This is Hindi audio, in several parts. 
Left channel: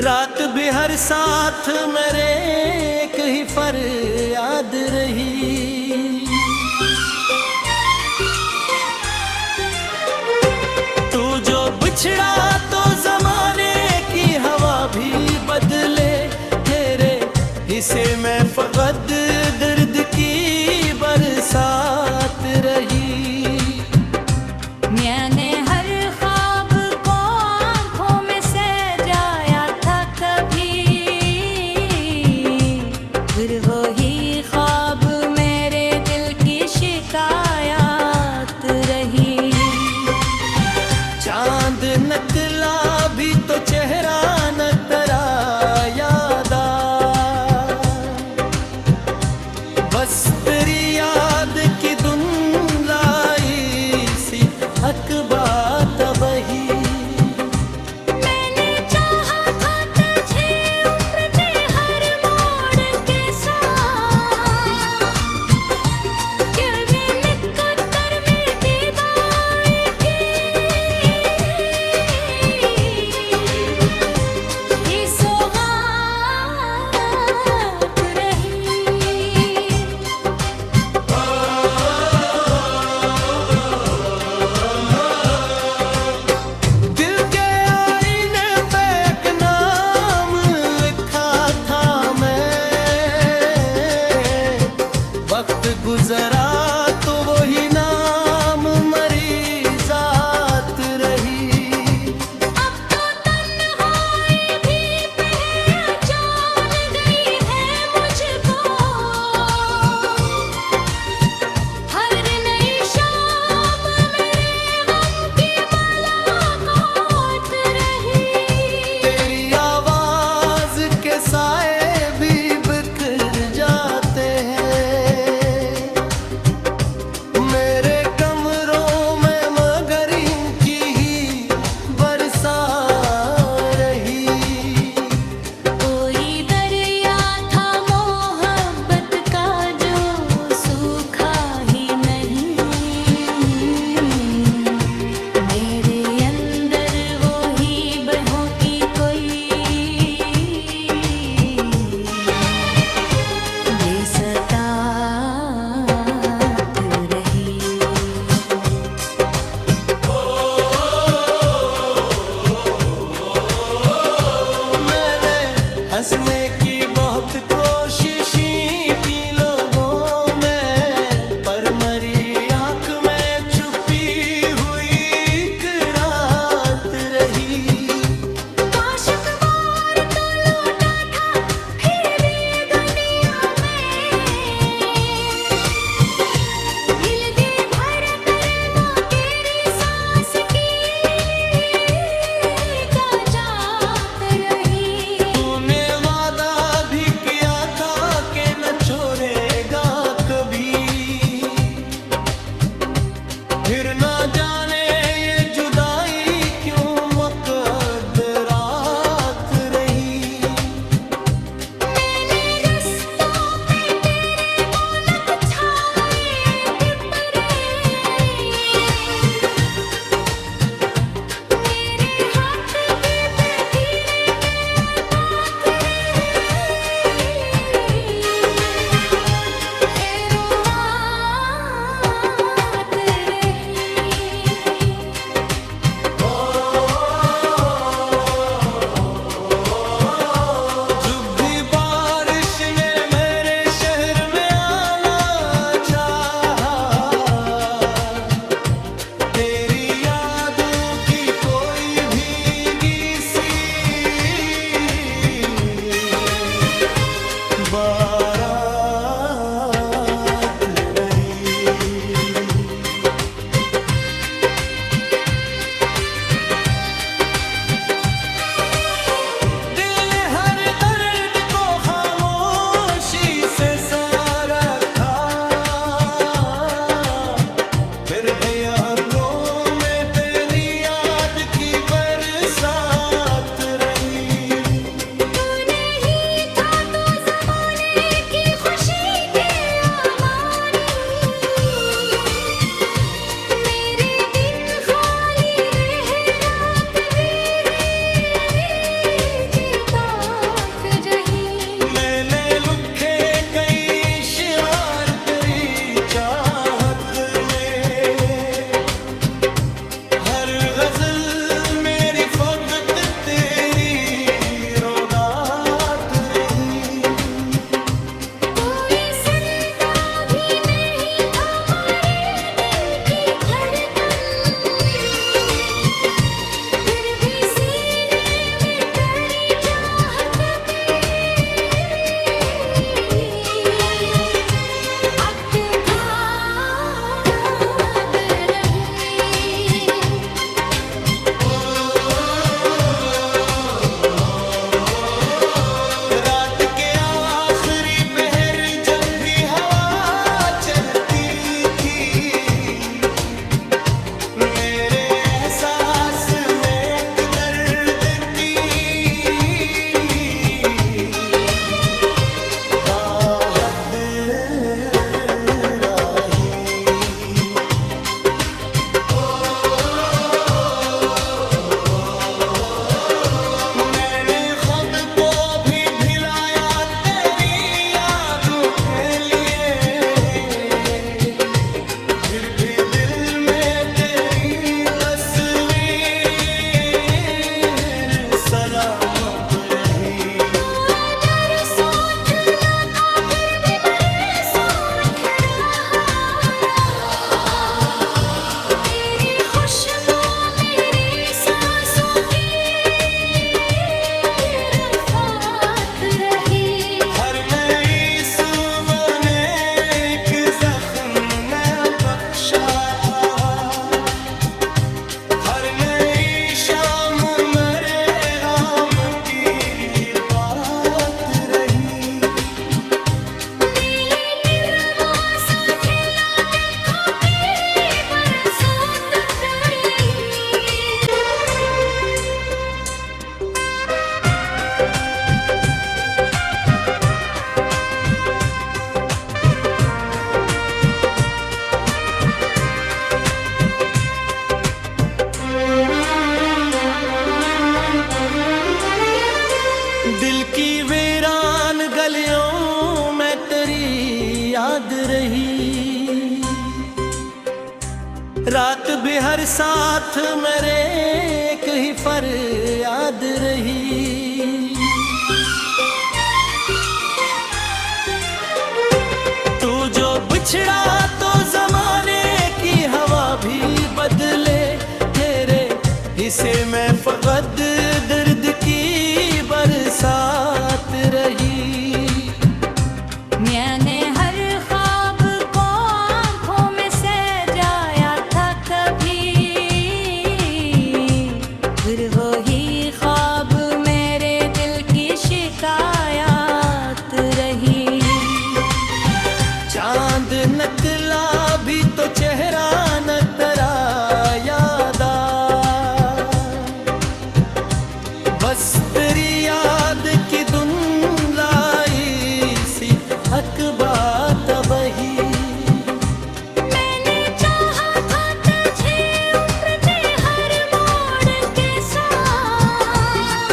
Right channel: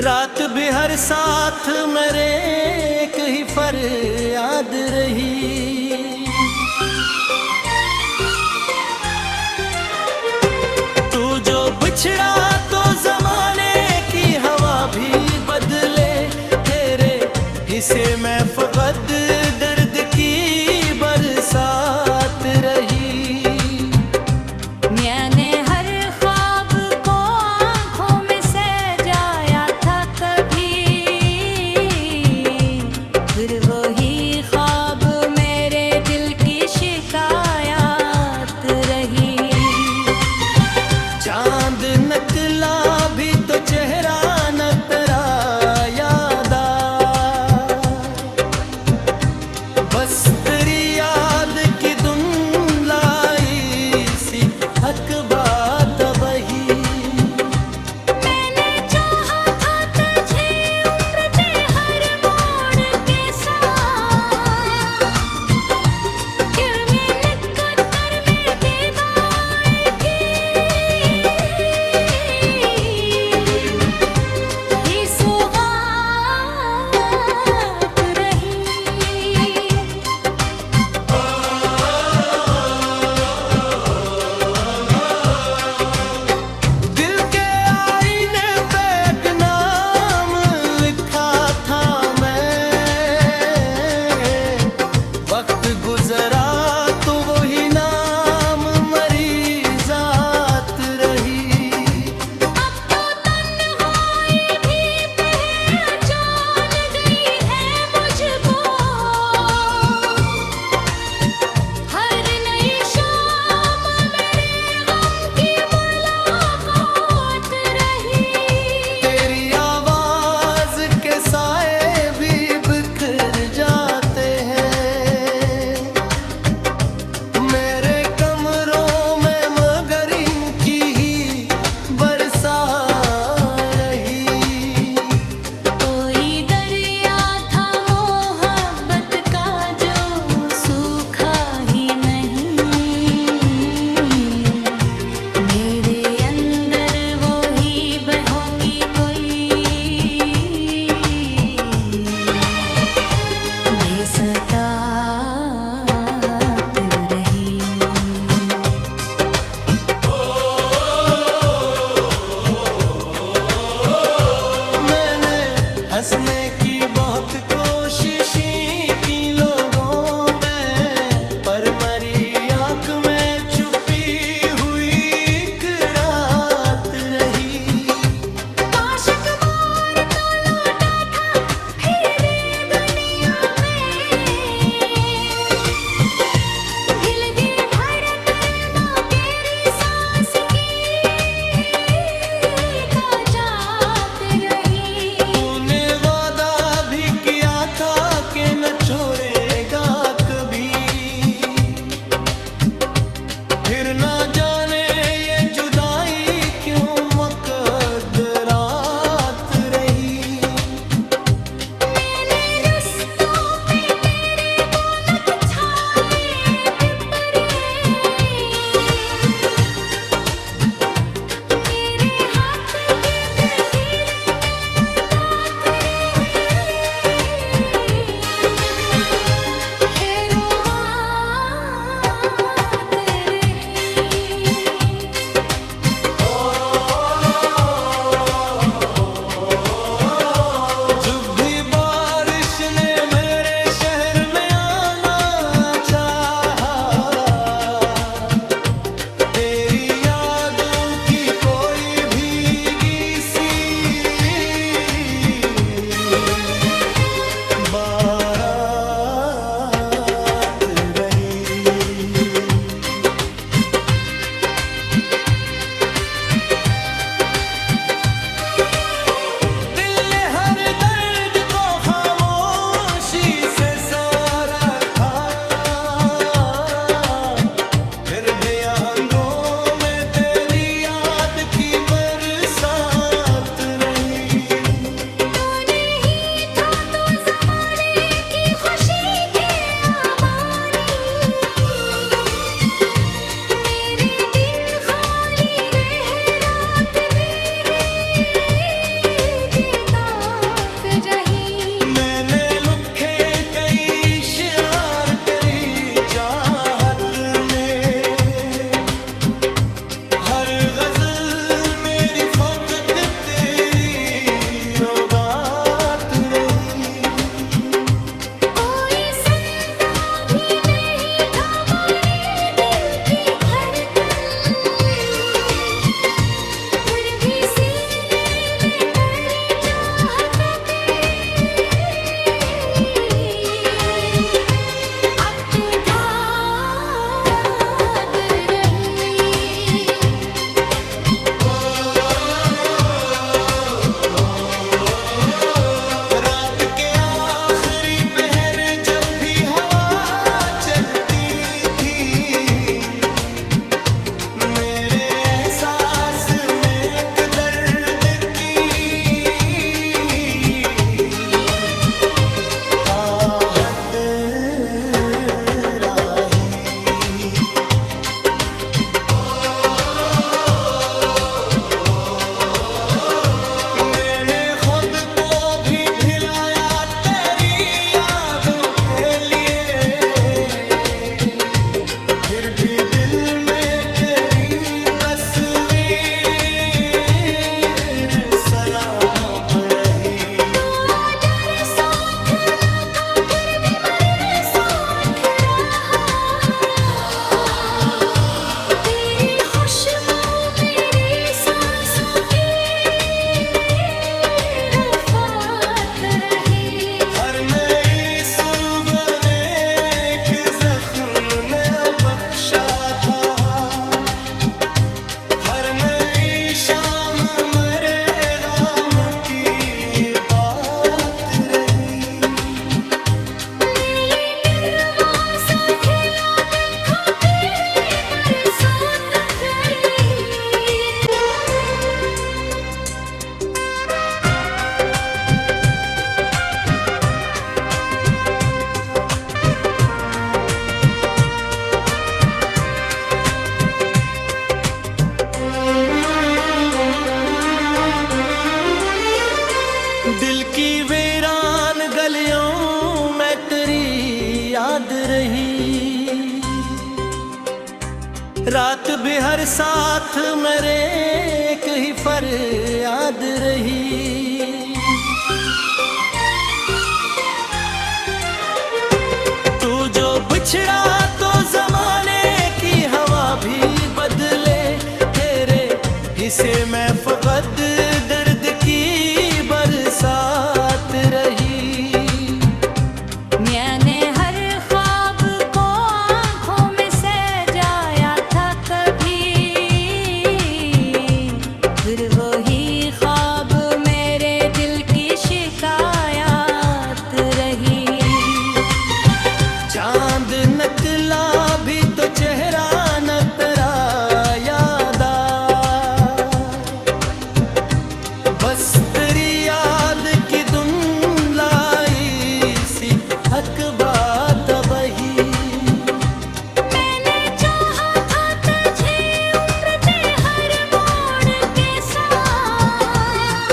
रात भी हर साथ मेरे एक ही फरियाद रही। तू जो बिछड़ा तो जमाने की हवा भी बदले, तेरे हिस्से में फकत दर्द की बरसात रही। मैंने हर ख्वाब को आंखों में सजाया था कभी, फिर वही ख्वाब मेरे दिल की शिकायत रही। चांद नकला भी तो चेहरा न तेरा याद आ, बस तेरी याद की धुंधलाई सी हक बात वही। मैंने चाहा था तुझे उम्र के हर मोड़ के साथ, दिल में निकटर में दीवार की ये सौगात रही। दिल के आईने पे एक नाम लिखा था मैं, वक्त गुजरा तो वही नाम मरी जात रही। अब तो तन्हाई भी पहचान गई है मुझको, हर नई शाम मेरे गम की मुलाकात रही। तेरी आवाज के साए भी बिखर जाते हैं मेरे कमरों में, मगर इनकी ही बरसात रही। कोई दरिया था मोहब्बत का जो सूखा ही नहीं, मेरे अंदर वो ही बहों की कोई बेसतात रही। मैंने हंसने की बहुत कोशिश की लोगों में, पर मरी आंख में छुपी हुई एक रात रही। काश अखबार तो लौटा था फिर दुनिया में, हिल दी धड़कन तेरी सांस की का जात रही। तूने वादा भी किया दिल की वीरान गलियों में तेरी याद रही, रात भी हर साथ मेरे एक ही फरियाद रही। तू जो बिछड़ा तो जमाने की हवा भी बदले, तेरे हिस्से में फकत दर्द की बरसात रही। मैंने हर ख्वाब को आँखों में सजाया था कभी, फिर वही ख्वाब मेरे दिल की शिकायत रही। चांद नकला भी तो चेहरा न तेरा याद आ, बस तेरी याद की धुंधलाई सी हक बात वही। मैंने चाहा था तुझे उम्र के हर मोड़ के साथ,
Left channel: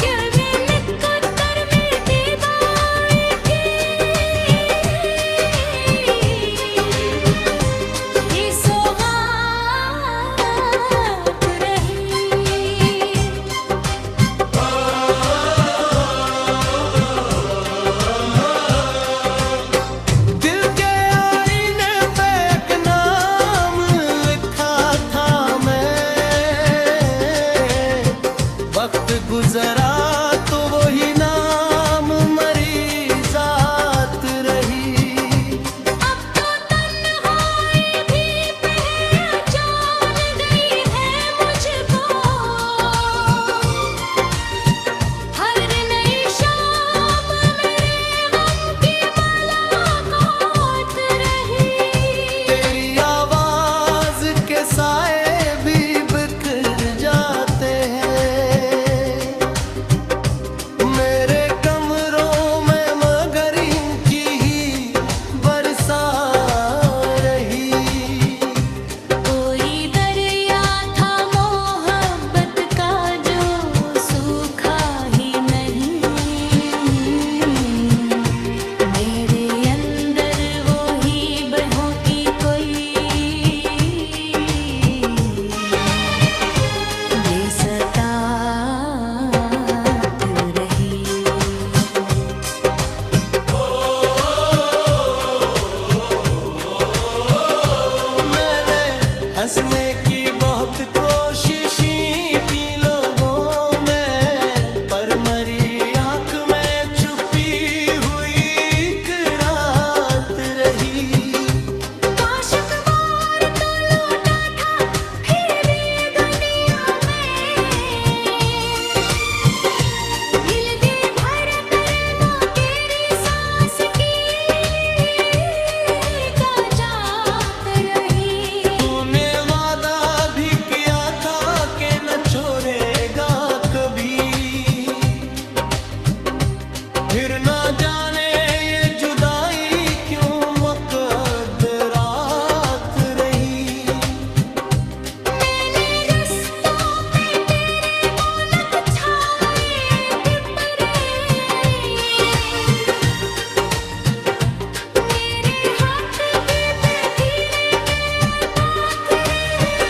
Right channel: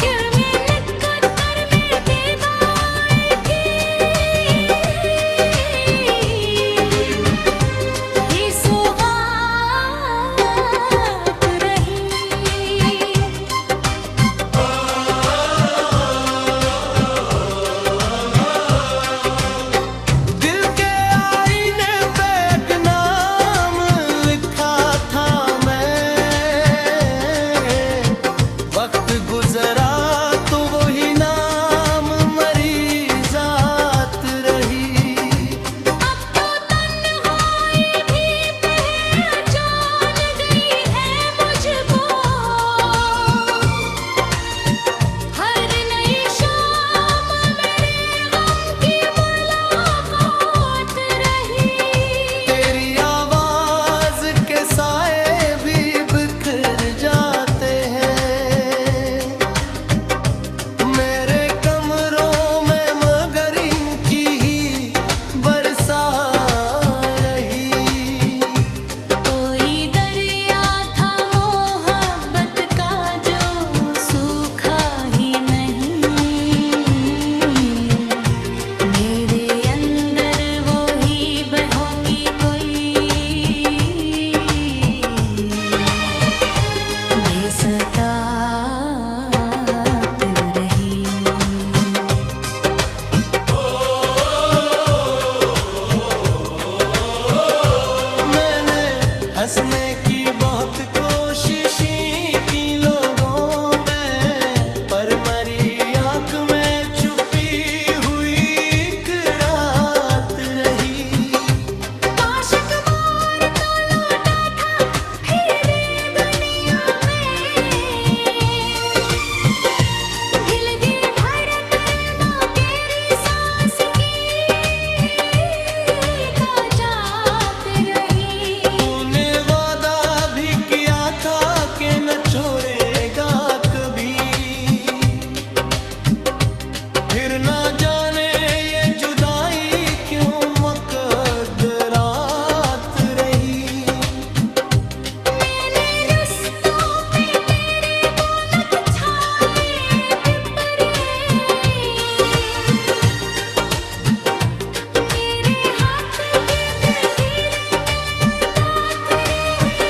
फिर मैंने कदर में विदाई की, ये सौगात रही। दिल के आईने पे एक नाम लिखा था मैं, वक्त गुजरा तो वही नाम मरी जात रही। अब तो तन्हाई भी पहचान गई है मुझको, हर नई शाम मेरे गम की मुलाकात रही। तेरी आवाज के साए भी बिखर जाते हैं मेरे कमरों में, मगर इनकी ही बरसात रही। कोई दरिया था मोहब्बत का जो सूखा ही नहीं, मेरे अंदर वो ही बहों की कोई बेसतात रही। मैंने हंसने की बहुत कोशिश की लोगों में, पर मरी आंख में छुपी हुई एक रात रही। काश अखबार तो लौटा था फिर दुनिया में, हिल दी धड़कन तेरी सांस की ताजात रही। तूने वादा भी किया था कि न छोड़ेगा कभी, फिर ना जाने ये जुदाई क्यों मकदरात रही। मैंने रस्तों पे तेरे बोलक छाए पिपरे, मेरे हाथ के पतीले के बात रहे।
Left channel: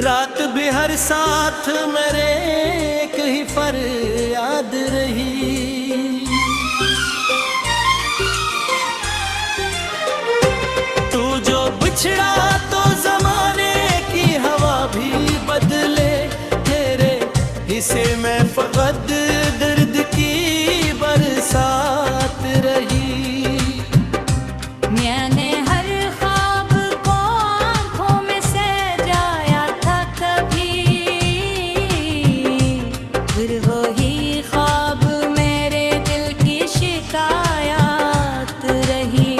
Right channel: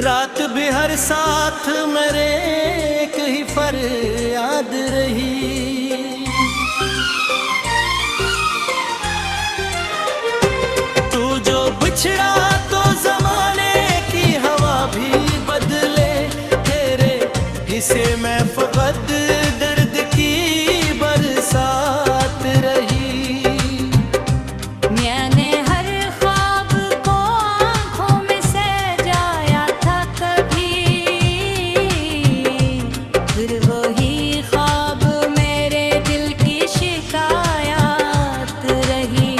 रात भी हर साथ मेरे एक ही फरियाद रही। तू जो बिछड़ा तो जमाने की हवा भी बदले, तेरे हिस्से में फकत दर्द की बरसात रही। मैंने हर ख्वाब को आँखों में सजाया था कभी, फिर वही ख्वाब मेरे दिल की शिकायत रही।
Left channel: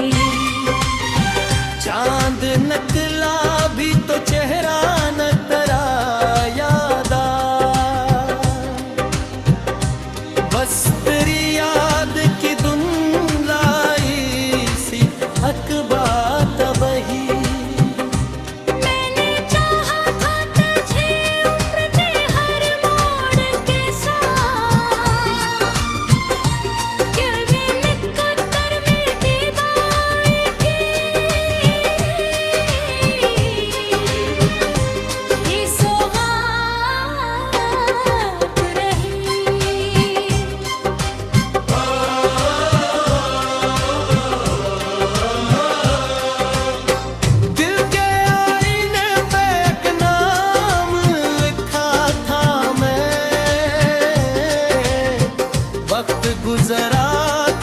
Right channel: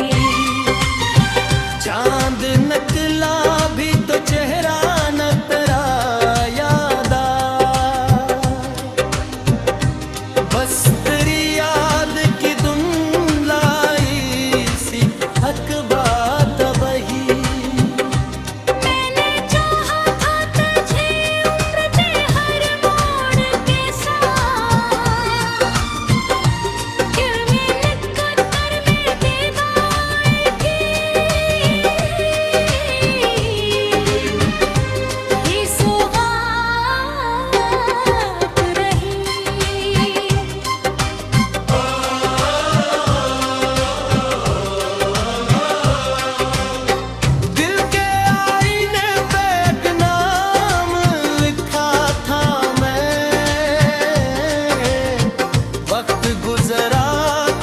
चांद नकला भी तो चेहरा न तेरा याद आ, बस तेरी याद की धुंधलाई सी हक बात वही। मैंने चाहा था तुझे उम्र के हर मोड़ के साथ, फिर मैंने कदर में विदाई की, ये सौगात रही। दिल के आईने पे एक नाम लिखा था मैं, वक्त गुजरा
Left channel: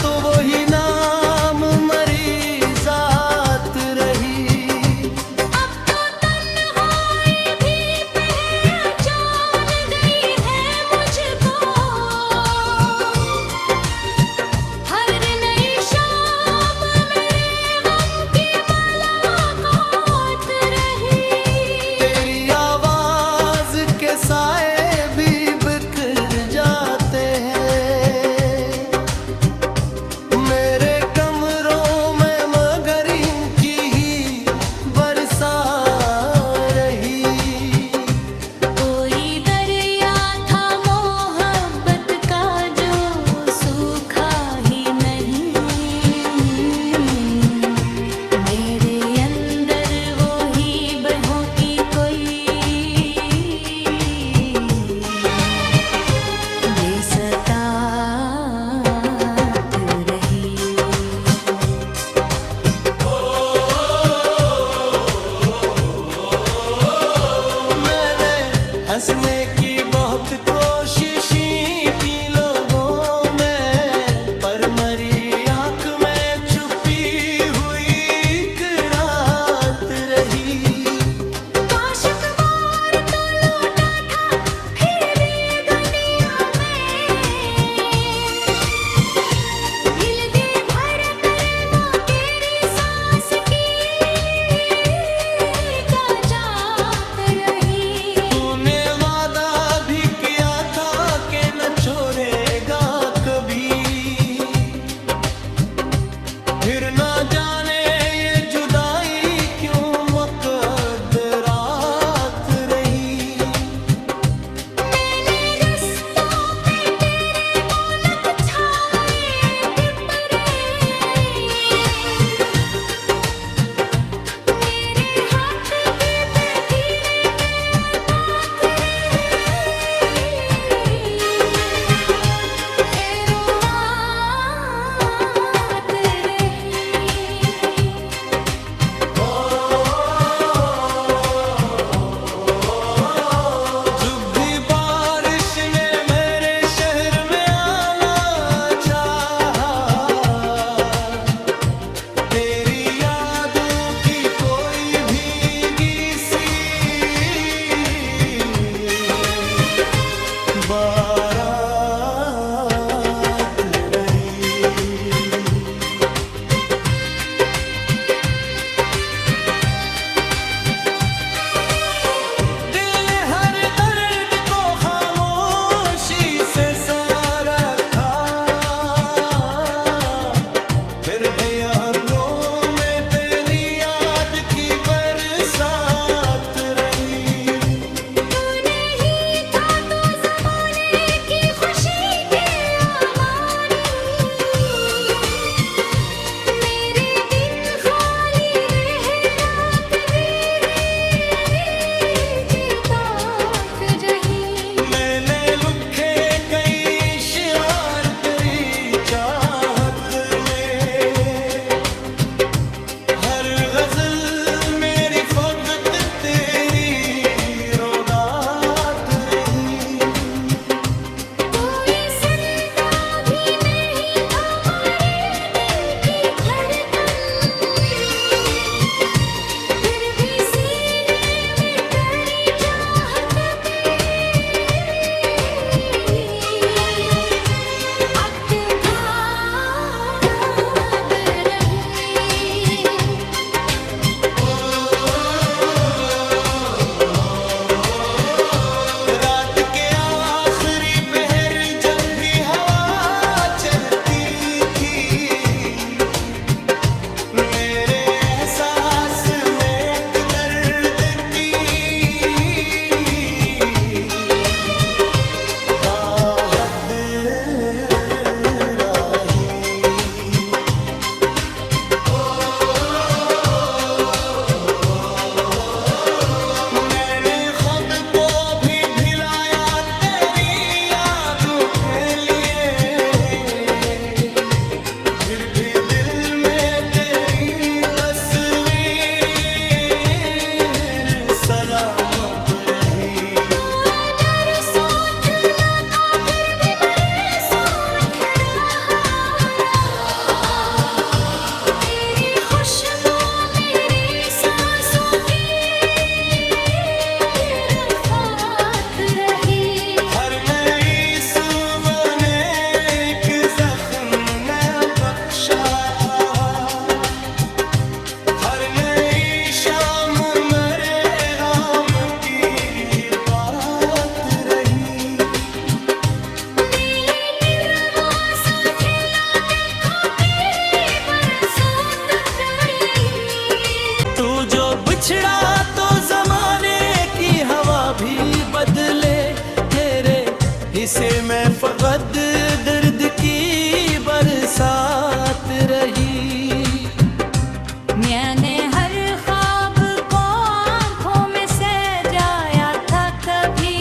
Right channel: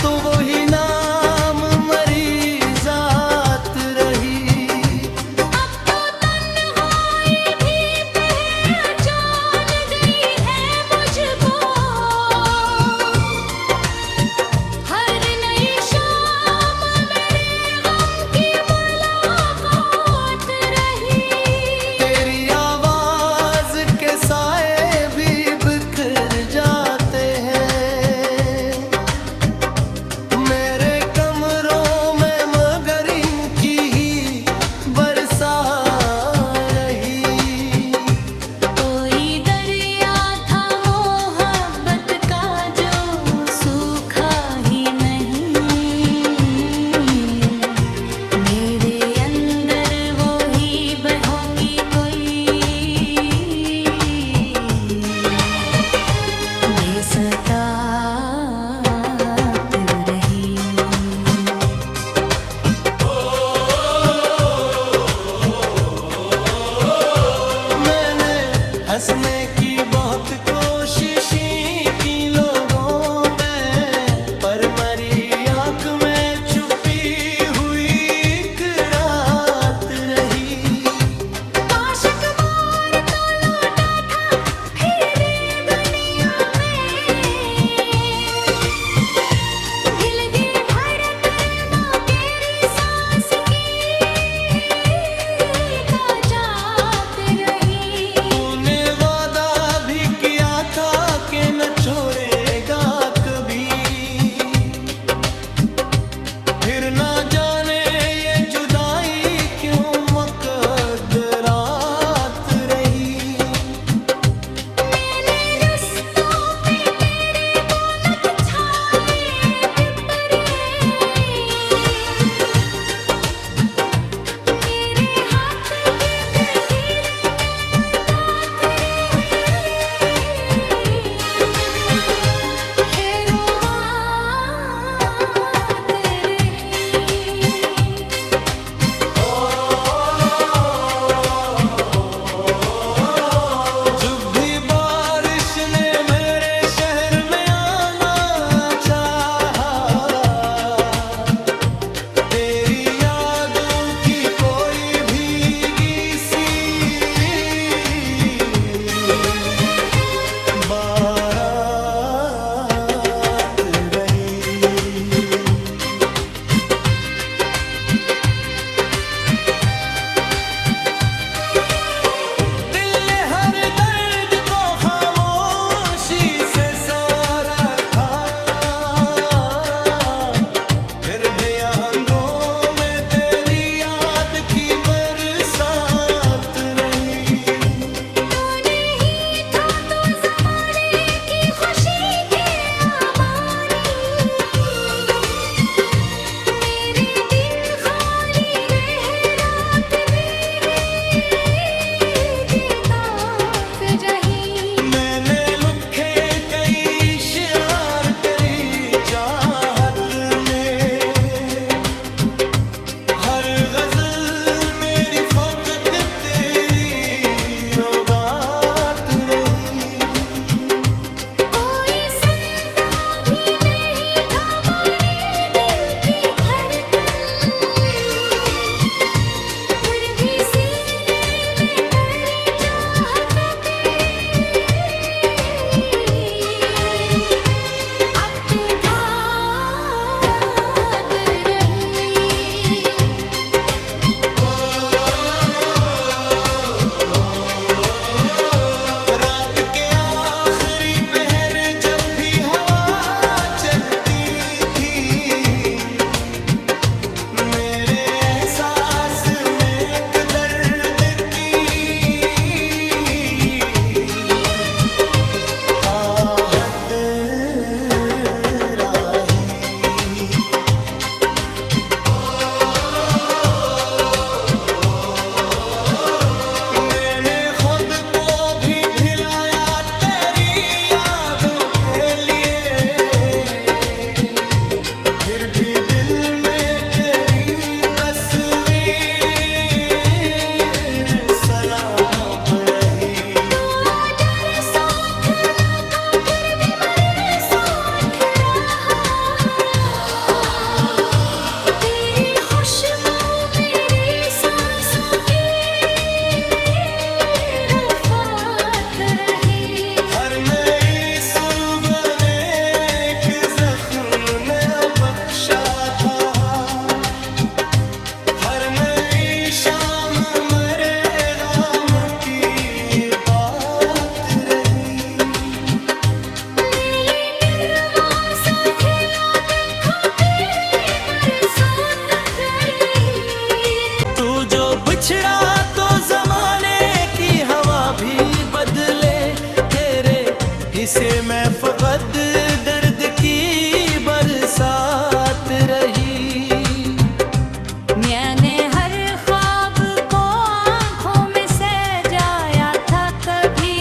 तो वही नाम मरी जात रही। अब तो तन्हाई भी पहचान गई है मुझको, हर नई शाम मेरे गम की मुलाकात रही। तेरी आवाज के साए भी बिखर जाते हैं मेरे कमरों में, मगर इनकी ही बरसात रही। कोई दरिया था मोहब्बत का जो सूखा ही नहीं, मेरे अंदर वो ही बहों की कोई बेसतात रही। मैंने हंसने की बहुत कोशिश की लोगों में, पर मरी आंख में छुपी हुई एक रात रही। काश अखबार तो लौटा था फिर दुनिया में, हिल दी धड़कनों तेरी सांस की काजात रही। तूने वादा भी किया था कि न छोड़ेगा कभी, फिर ना जाने ये जुदाई क्यों मकदरात रही। मैंने रिश्तों पे तेरे बोलक छाए पिपरे, मेरे हाथ के पतीले के पाथ रहे। इसे मैं फकत दर्द की बरसात रही। मैंने हर ख्वाब को आंखों में सजाया था कभी,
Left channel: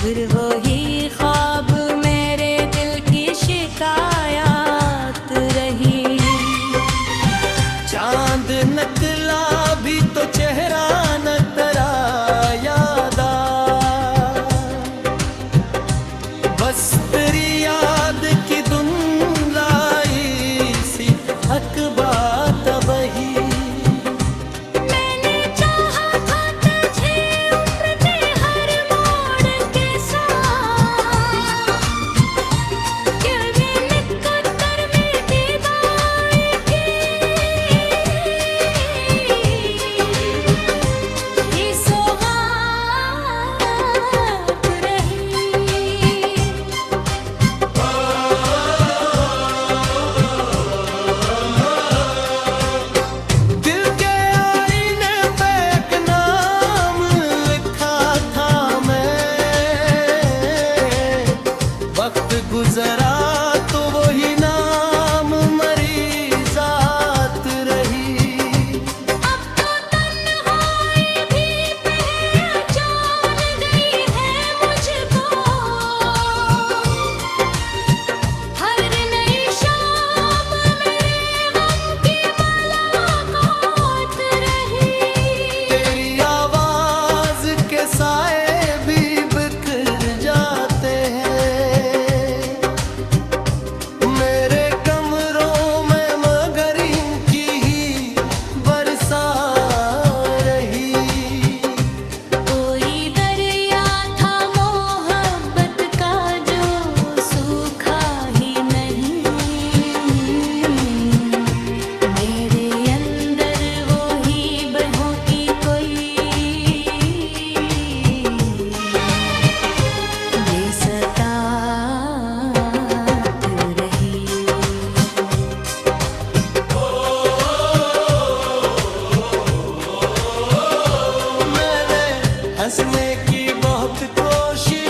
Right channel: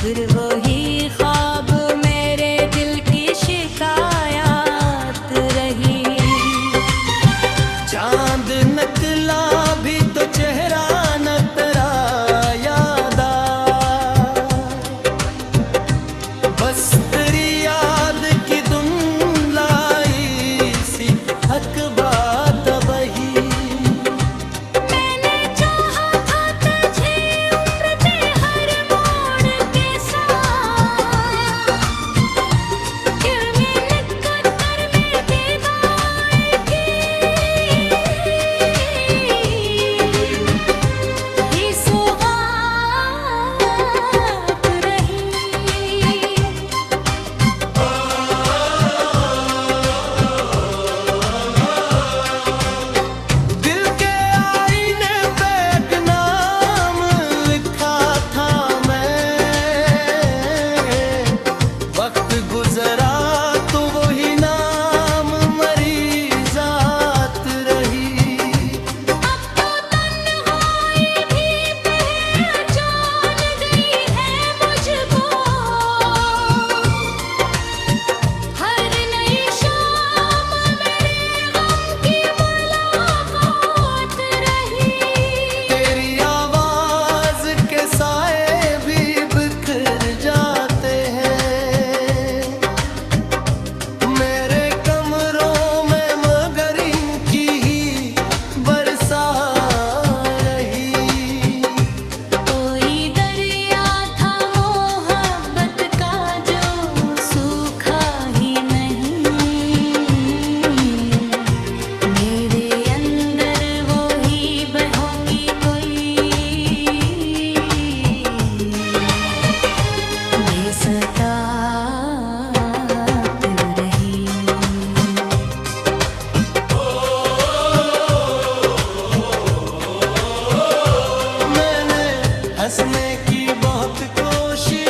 फिर वही ख्वाब मेरे दिल की शिकायत रही। चांद नकला भी तो चेहरा न तेरा याद आ, बस तेरी याद की धुंधलाई सी हक बात वही। मैंने चाहा था तुझे उम्र के हर मोड़ के साथ, फिर मैंने कदर में विदाई की, ये सौगात रही। दिल के आईने पे एक नाम लिखा था मैं, वक्त गुजरा तो वही नाम मरी जात रही। अब तो तन्हाई भी पहचान गई है मुझको, हर नई शाम मेरे गम की मुलाकात रही। तेरी आवाज के साए भी बिखर जाते हैं मेरे कमरों में, मगर इनकी ही बरसात रही। कोई दरिया था मोहब्बत का जो सूखा ही नहीं, मेरे अंदर वो ही बहों की कोई बेसतात रही। मैंने हंसने की बहुत कोशिश